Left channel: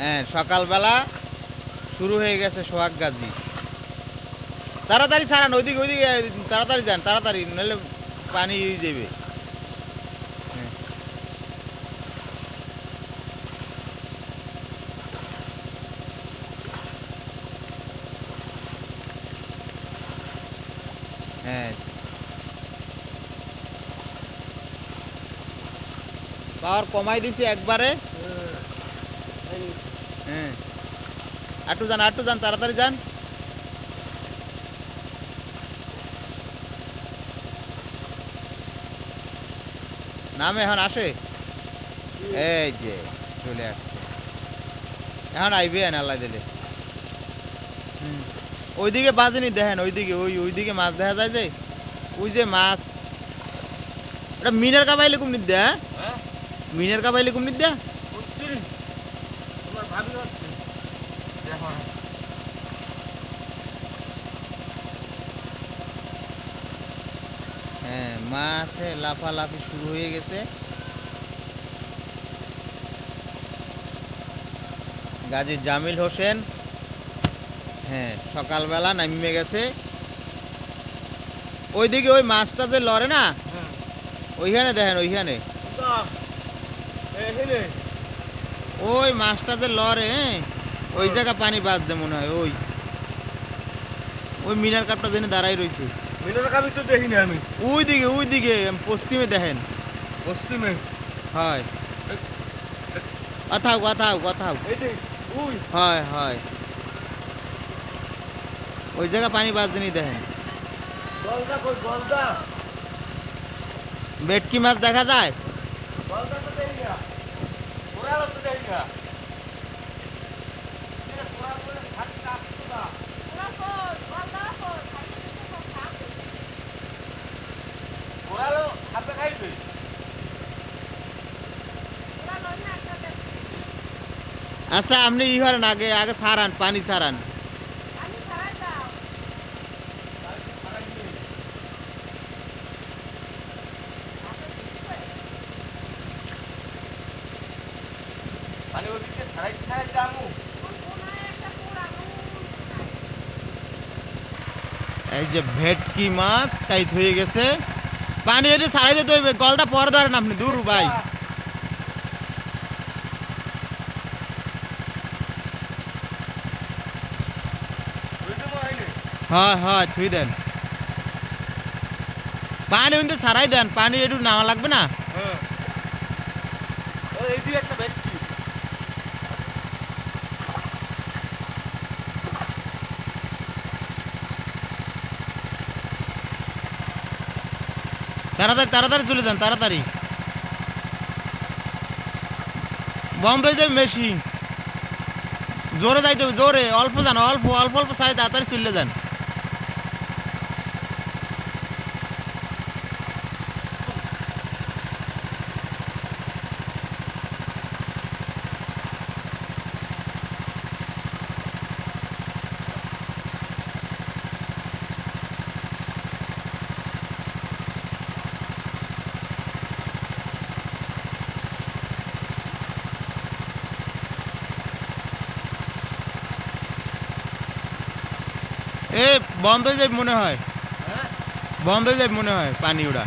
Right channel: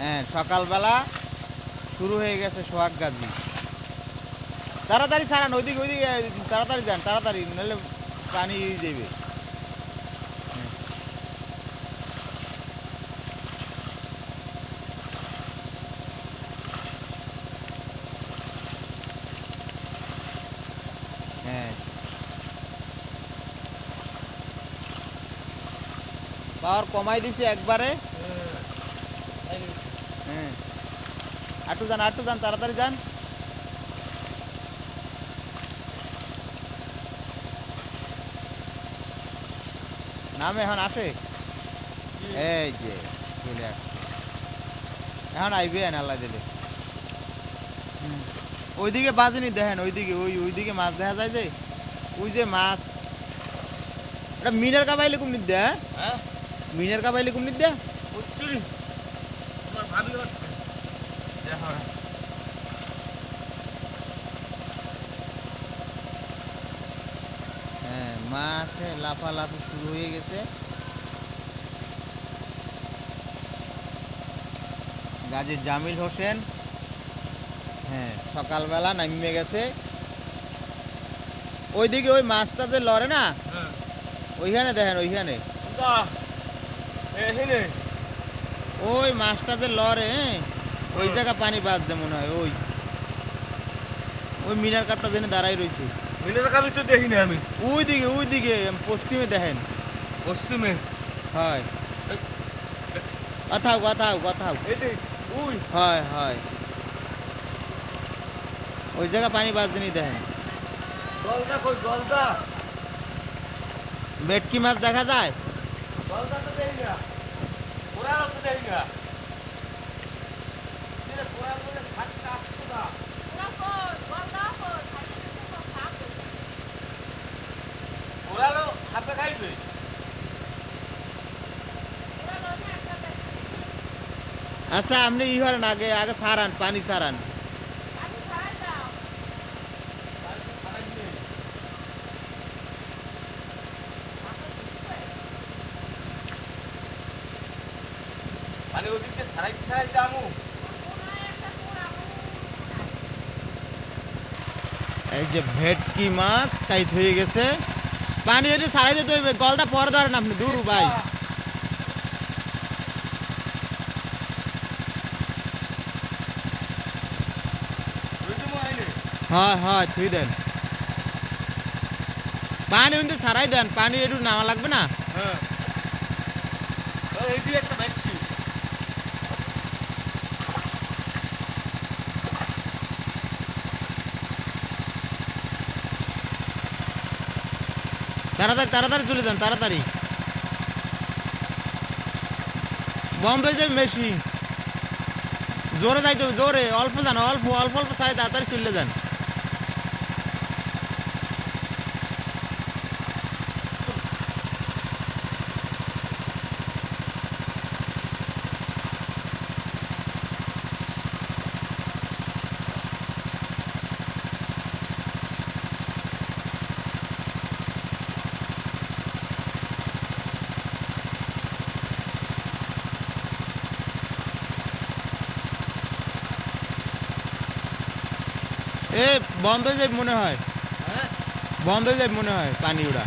হ্যাঁ সকালবেলা শুরু হয়ে গেছে সোহাগ গাজি। তাড়াতাড়ি ছাড়ান, ওইদিকে ওইদিকে, তাড়াতাড়ি যান, তাড়াতাড়ি, নাহলে পানি যাবে। হ্যাঁ। পাওয়ার কমাই দিছি একবারে। হ্যাঁ। আটু যান আটু যান তাড়াতাড়ি যান। নাম এখন আসে? এই যে চলে আসছে। এখন আইবে না আল্লাহ দিলে। ওইদিকে বাজেনি দেখেন ওইদিকে ওই ওইদিকে মাছ দেখা যায় যে ওই যে মাছ। এটা মিনের কাবাইলে কুমির দেয়? হ্যাঁ। মিনের কাবাইলে কুমির দেয়? হ্যাঁ মাছে লাফালাফি শুরু হয়ে গেছে। গাজী জামিল হোসেন হ্যাঁ সকালবেলা নামিয়ে গেছে। ওইদিকে ওই মাছটা যে লড়ে না হ্যাঁ। ওইখানে দেখেন ওইখানে। ওই মাছটা যে লড়ে হ্যাঁ, ওই। জায়গা পানি বাঁধছে মনে হয় ওই। ওই মিনার কাপটা যেন দাঁড়াই রয়েছে মিনার কাবি তো দেখিনি আমি। ওই দিকে ওই দিকে পশ্চিমে দেখেন। পশ্চিমে? হয়। কথাও কথাও কথাও হয় হয়। ওই জায়গা পানি বাজনি দেখেন। গলদা কই গলদা ভেটকি মাছ দেখা যায়? গলদা তো না। আচ্ছা আপনি ই আগে আগে সারান পানি সারান। মানে ওদিকে ছাড়াই ছাড়াই যামু এই যে ভেটকি মাছ টাইট হয়ে গেছে। পানি যদি সারাই দিতে হইবে গলটা পরে ধরেন আপনি দূর ভাই। বুঝতে পারলি হয় হয় থুই দেন। পানি কিন্তু সারাই দেন পানি একটু নামা লাগবে না। হ্যাঁ। এই দিয়ে একটা ব্যক্তি তাড়াতাড়ি তাড়াতাড়ি চলে যান, তাড়াতাড়ি। বম্বে যে মেশিন জোরে যাইতে জোরে। অল্প যান, অল্প অল্প অল্প সাইড তাড়াতাড়ি চলে যান। এ বন্ধ যাবে মনে হয়। বন্ধ হয়ে যাবে মনে হয় পানি ওরা